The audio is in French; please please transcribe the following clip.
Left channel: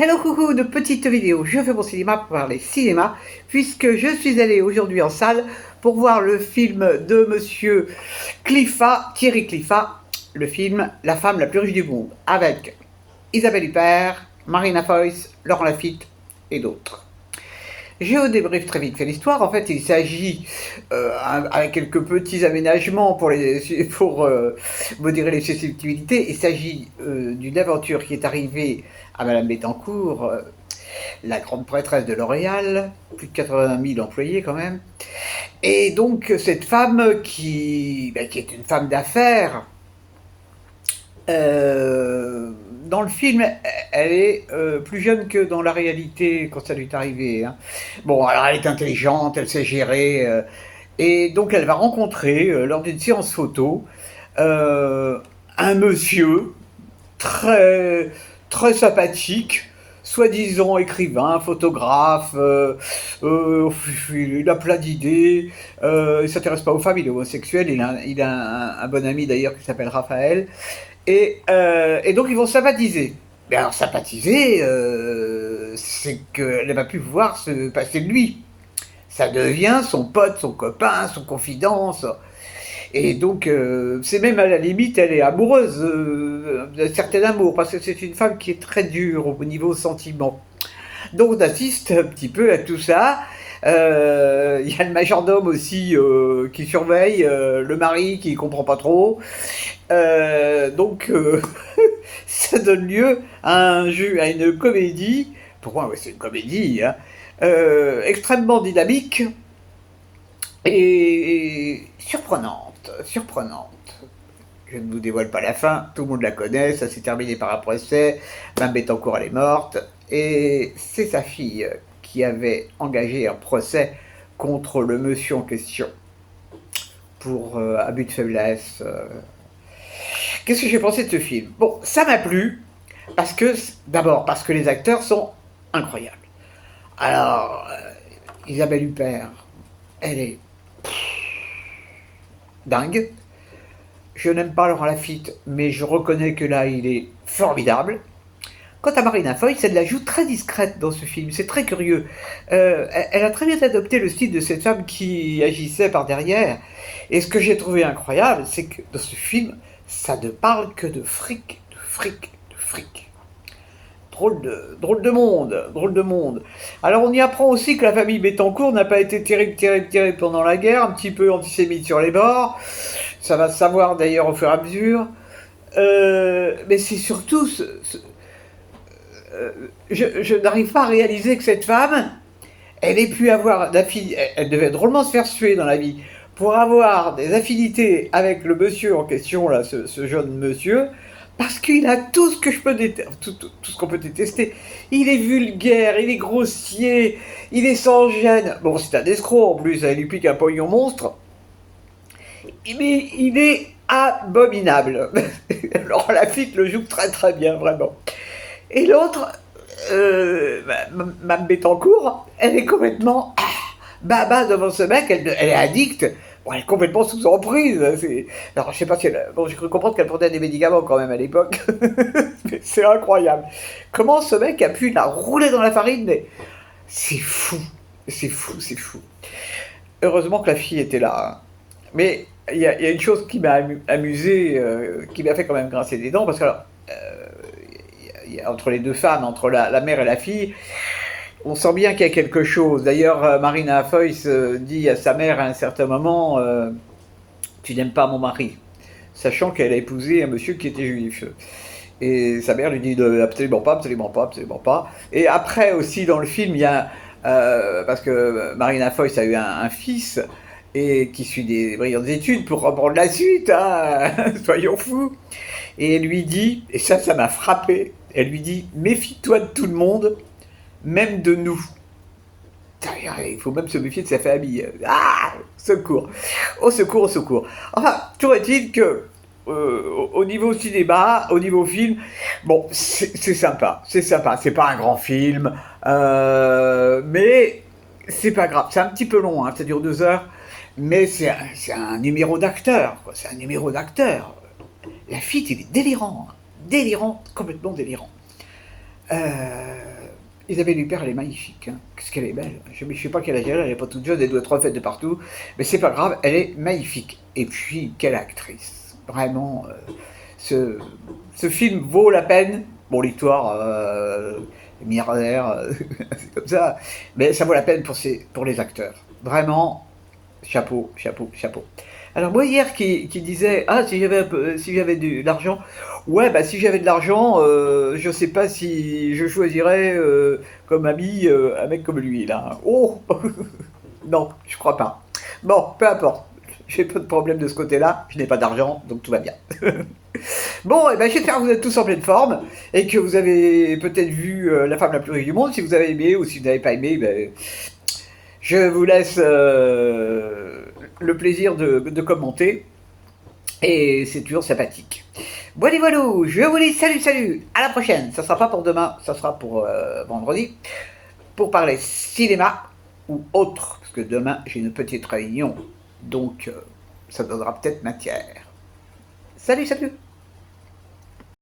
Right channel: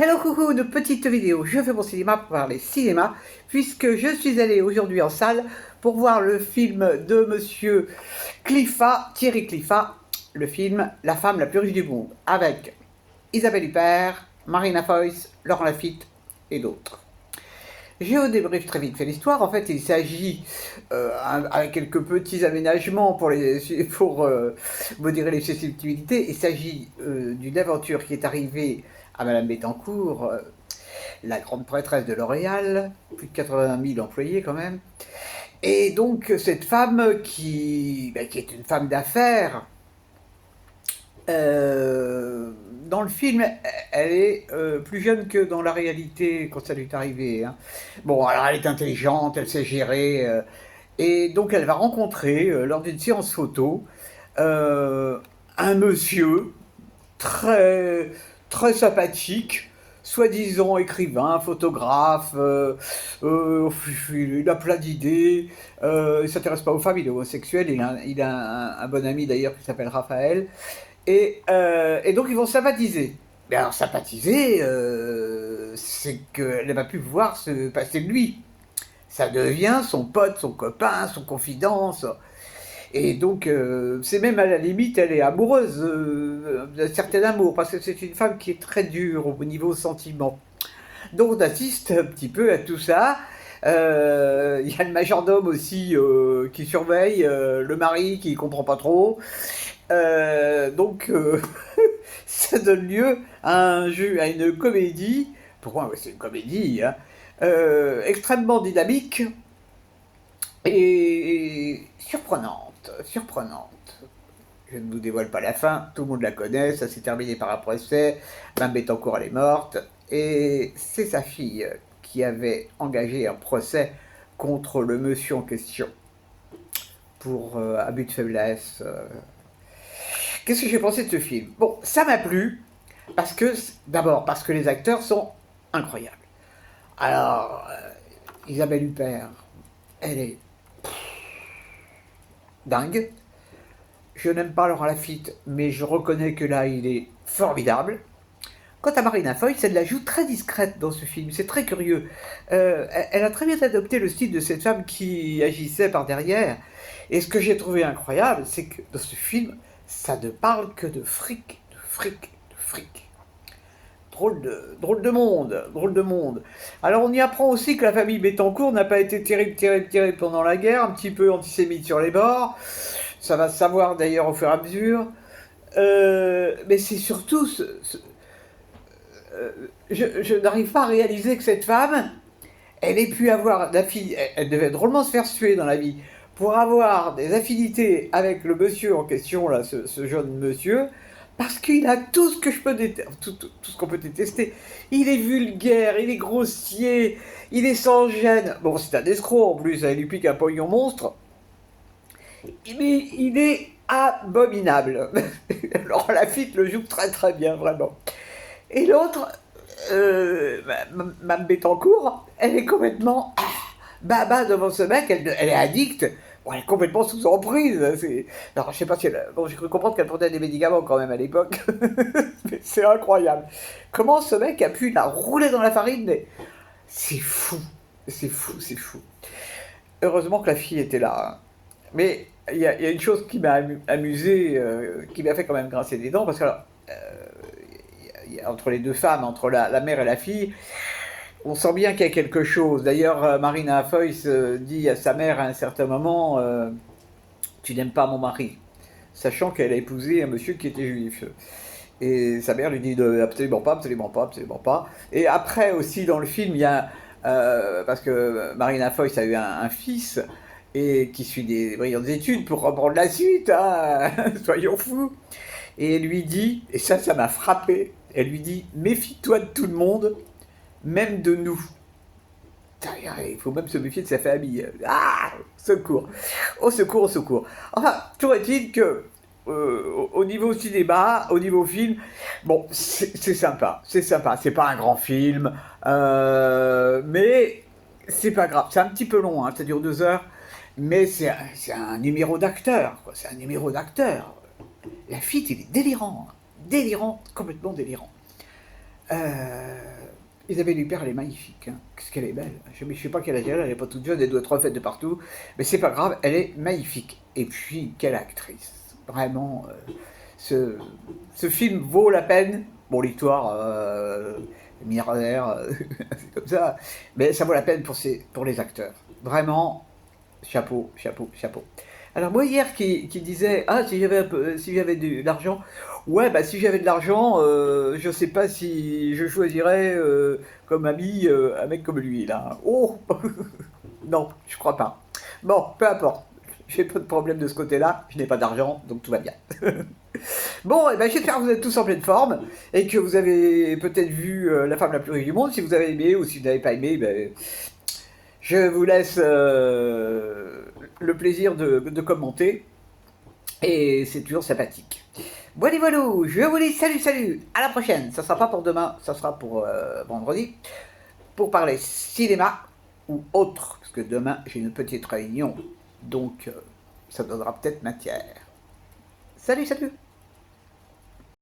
Hello coucou de petite vidéo, je fais mon cinéma pour parler cinéma, puisque je suis allée aujourd'hui en salle pour voir le film de monsieur Cliffat, Thierry Cliffat, le film La femme la plus riche du monde, avec Isabelle Huppert, Marina Foïs, Laurent Lafitte et d'autres. Je vous débriefe très vite fait l'histoire. En fait, il s'agit, avec quelques petits aménagements pour modérer les susceptibilités, il s'agit d'une aventure qui est arrivée à Madame Bettencourt, la grande prêtresse de L'Oréal, plus de 80 000 employés quand même. Et donc, cette femme qui est une femme d'affaires, dans le film, elle est plus jeune que dans la réalité quand ça lui est arrivé. Hein. Bon, alors elle est intelligente, elle sait gérer. Et donc elle va rencontrer, lors d'une séance photo, un monsieur très, très sympathique, soi-disant écrivain, photographe, il a plein d'idées, il ne s'intéresse pas aux femmes, il est homosexuel, il a un bon ami d'ailleurs qui s'appelle Raphaël, et donc ils vont sympathiser. Mais alors sympathiser, c'est qu'elle va plus pouvoir se passer de lui. Ça devient son pote, son copain, son confident. Et donc, c'est même à la limite, elle est amoureuse d'un certain amour, parce que c'est une femme qui est très dure au niveau sentiment. Donc on assiste un petit peu à tout ça. Il y a le majordome aussi qui surveille, le mari qui comprend pas trop. Donc ça donne lieu à une comédie, pourquoi c'est une comédie, hein, extrêmement dynamique et surprenante. Je ne vous dévoile pas la fin, tout le monde la connaît, ça s'est terminé par un procès, Mme Bettencourt elle est morte, et c'est sa fille qui avait engagé un procès contre le monsieur en question pour abus de faiblesse. Qu'est-ce que j'ai pensé de ce film? Bon, ça m'a plu, d'abord parce que les acteurs sont incroyables. Alors, Isabelle Huppert, elle est dingue. Je n'aime pas Laurent Lafitte, mais je reconnais que là, il est formidable. Quant à Marina Foïs, elle la joue très discrète dans ce film, c'est très curieux. Elle a très bien adopté le style de cette femme qui agissait par derrière. Et ce que j'ai trouvé incroyable, c'est que dans ce film, ça ne parle que de fric, de fric, de fric. Drôle de monde, drôle de monde. Alors on y apprend aussi que la famille Bettencourt n'a pas été terrible pendant la guerre, un petit peu antisémite sur les bords. Ça va se savoir d'ailleurs au fur et à mesure. Mais c'est surtout je n'arrive pas à réaliser que cette femme, elle ait pu avoir elle devait drôlement se faire suer dans la vie, pour avoir des affinités avec le monsieur en question, là, ce jeune monsieur, parce qu'il a tout ce que je peux tout ce qu'on peut détester. Il est vulgaire, il est grossier, il est sans gêne. Bon, c'est un escroc en plus, il lui pique un pognon monstre. Mais il est abominable. Alors Lafitte le joue très très bien, vraiment. Et l'autre, Mme Bettencourt, elle est complètement baba devant ce mec, elle est addicte. Bon, elle est complètement sous emprise. Alors, je sais pas si bon, j'ai cru comprendre qu'elle prenait des médicaments quand même à l'époque. C'est incroyable. Comment ce mec a pu la rouler dans la farine, mais c'est fou. C'est fou, c'est fou. Heureusement que la fille était là. Hein. Mais il y a une chose qui m'a amusé, qui m'a fait quand même grincer des dents, parce que alors, entre les deux femmes, entre la mère et la fille, on sent bien qu'il y a quelque chose. D'ailleurs, Marina Foïs dit à sa mère à un certain moment tu n'aimes pas mon mari, sachant qu'elle a épousé un monsieur qui était juif. Et sa mère lui dit absolument pas, absolument pas, absolument pas. Et après aussi dans le film, il y a parce que Marina Foïs a eu un fils et qui suit des brillantes études pour reprendre la suite, hein, soyons fous. Et elle lui dit, et ça m'a frappé, elle lui dit méfie-toi de tout le monde, même de nous. Il faut même se méfier de sa famille. Ah, secours. Au secours, au secours. Enfin, toujours est-il que au niveau cinéma, au niveau film, bon, c'est sympa, c'est sympa. C'est pas un grand film, mais c'est pas grave. C'est un petit peu long, hein, ça dure 2 heures, mais c'est un numéro d'acteur, quoi. C'est un numéro d'acteur. La fille, il est délirant, hein. Délirant, complètement délirant. Isabelle Huppert, elle est magnifique. Hein. Qu'est-ce qu'elle est belle. Je ne sais pas quelle âge elle n'est pas toute jeune, elle doit être refaite de partout. Mais c'est pas grave, elle est magnifique. Et puis, quelle actrice. Vraiment, ce, ce film vaut la peine. Bon, l'histoire, milliardaire, c'est comme ça. Mais ça vaut la peine pour les acteurs. Vraiment, chapeau, chapeau, chapeau. Alors moi hier qui disait ah si j'avais de l'argent, ouais bah si j'avais de l'argent je sais pas si je choisirais comme ami un mec comme lui là. Oh non je crois pas. Bon peu importe, j'ai pas de problème de ce côté-là, je n'ai pas d'argent donc tout va bien. Bon, eh ben, j'espère que vous êtes tous en pleine forme et que vous avez peut-être vu La femme la plus riche du monde. Si vous avez aimé ou si vous n'avez pas aimé, ben, je vous laisse le plaisir de commenter et c'est toujours sympathique. Voilà, voilà, je vous dis salut, salut, à la prochaine. Ça sera pas pour demain, ça sera pour vendredi, pour parler cinéma ou autre, parce que demain j'ai une petite réunion, donc ça donnera peut-être matière. Salut, salut.